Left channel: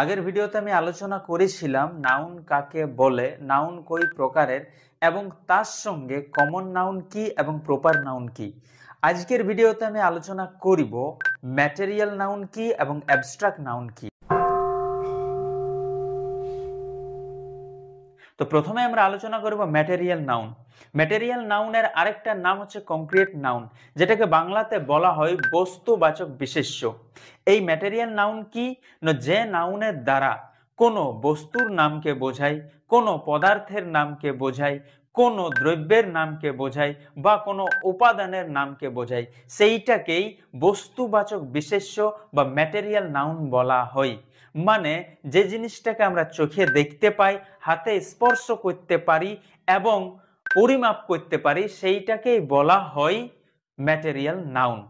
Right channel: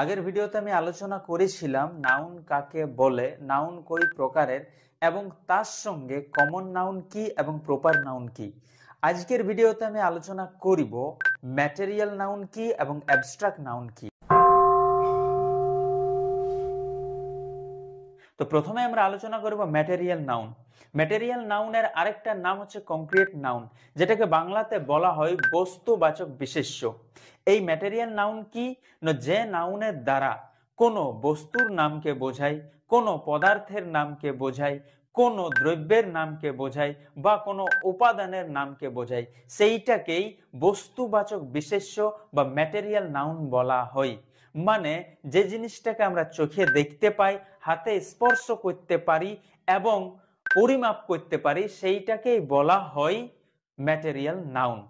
আগের ভিডিওতে আমি আলোচনা করেছিলাম নাউন কাকে বলে, নাউন কই প্রকারের এবং তার সঙ্গে কমন নাউন কি এবং প্রপার নাউন কি। আজকের ভিডিওতে আমি আলোচনা করব ম্যাটেরিয়াল নাউন কি এবং অ্যাবস্ট্রাক্ট নাউন কি। তো প্রথমে আমরা আলোচনা করব ম্যাটেরিয়াল নাউন। ম্যাটেরিয়াল নাউনের আরেকটা নাম হচ্ছে কংক্রিট নাউন, যেটাকে বাংলাতে বলা হয় বস্তুবাচক বিশেষ্য। এই ম্যাটেরিয়াল নাউন কি না, যে নাউনের দ্বারা কোনো বস্তুর নামকে বোঝায়, কোনো পদার্থের নামকে বোঝায়, কোনো দ্রব্যের নামকে বোঝায় বা কোনো উপাদানের নামকে বোঝায়, সেইটাকেই বস্তুবাচক বিশেষ্য বা ম্যাটেরিয়াল নাউন বলা হয়। মানে যে জিনিসটাকে আমরা চোখে দেখতে পাই, হাতে স্পর্শ করতে পারি এবং পরিমাপ করতে পারি, সেইটাকেই বলা হয় ম্যাটেরিয়াল নাউন।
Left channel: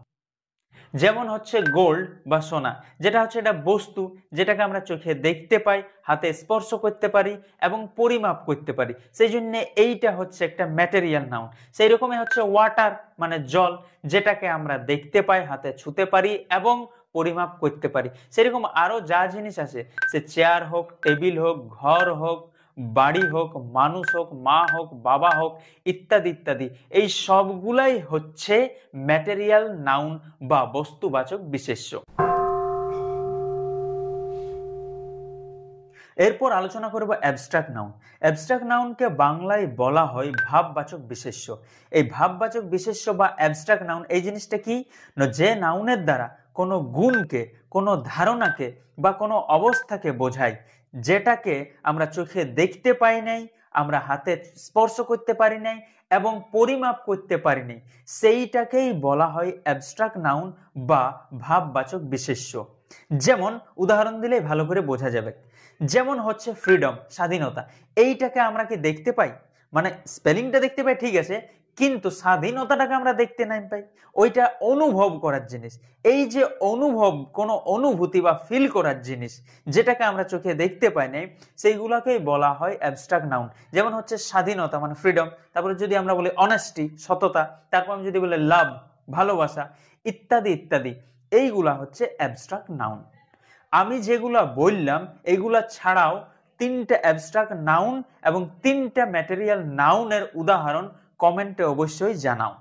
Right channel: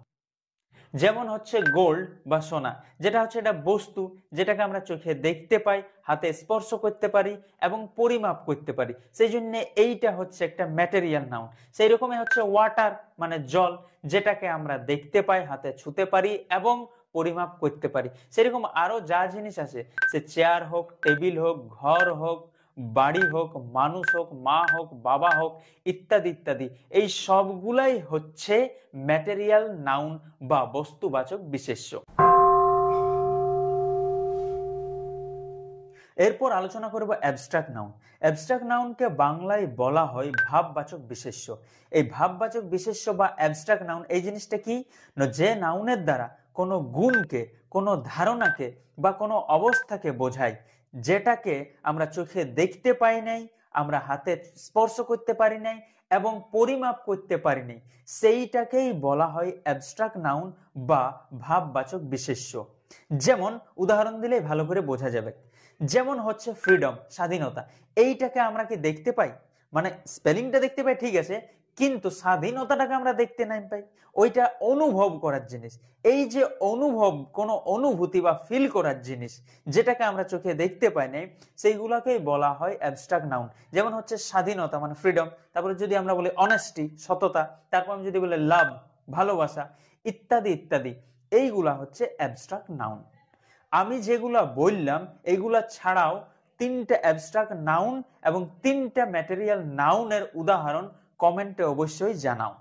যেমন হচ্ছে গোল্ড বা সোনা, যেটা হচ্ছে একটা বস্তু, যেটাকে আমরা চোখে দেখতে পাই, হাতে স্পর্শ করতে পারি এবং পরিমাপ করতে পারি, সেই জন্য এইটা হচ্ছে একটা ম্যাটেরিয়াল নাউন। সেই রকমই হচ্ছে ওয়াটার মানে জল, যেটাকে আমরা দেখতে পাই, হাতে ছুঁতে পারি এবং পরিমাপ করতে পারি। সেরকম আরো যা জিনিস আছে, সে চেয়ার হোক, টেবিল হোক, ঘর হোক, বাড়ি হোক, মানুষ হোক, মা হোক, বাবা হোক, ইত্যাদি ইত্যাদি, এই সবগুলাই হচ্ছে ম্যাটেরিয়াল নাউন বা বস্তুবাচক বিশেষ্য। এরপর আলোচনা করব অ্যাবস্ট্রাক্ট নাউন। অ্যাবস্ট্রাক্ট নাউনকে বাংলায় বলা হয় ভাববাচক বিশেষ্য। এই ভাববাচক বিশেষ্য বা অ্যাবস্ট্রাক্ট নাউন এই জিনিসটা কি না, যে নাউনের দ্বারা কোনো গুণকে, কোনো ধারণাকে বা কোনো অবস্থাকে বোঝায়, যেটাকে আমরা চোখে দেখতে পাই নাই, আমরা হাতে স্পর্শ করতে পারি নাই এবং পরিমাপ করতে পারি নাই, সেইটাকেই বলা হয় অ্যাবস্ট্রাক্ট নাউন বা ভাববাচক বিশেষ্য। যেমন উদাহরণ দিলে ভালো করে বোঝা যাবে। যেমন হচ্ছে ফ্রিডম, স্বাধীনতা, এইটাকে আমরা কি দেখতে পাই? মানে স্পেলিংটা দেখতে পাই ঠিক আছে, কিন্তু স্বাধীনতাটাকে আমরা দেখতে নাই পাই। ওইটা অনুভব করার জিনিস। এই যে অনুভব, কোনো অনুভূতি বা ফিল করার জিনিস, যেটাকে আমরা চোখে দেখতে পাই নাই, সেইগুলোকেই বলা হয় অ্যাবস্ট্রাক্ট নাউন। যেমন হচ্ছে স্বাধীনতা মানে ফ্রিডম, তারপরে যদি আমরা বলি অনেস্টি সততা, তারপর আমি যদি বলি লাভ ভালোবাসা, ইত্যাদি ইত্যাদি, এইগুলা হচ্ছে অ্যাবস্ট্রাক্ট নাউন। আমি যেগুলা বললাম এগুলা ছাড়াও তিনটা অ্যাবস্ট্রাক্ট নাউন এবং তিনটা ম্যাটেরিয়াল নাউনের উদাহরণ কমেন্টে অবশ্যই জানাও।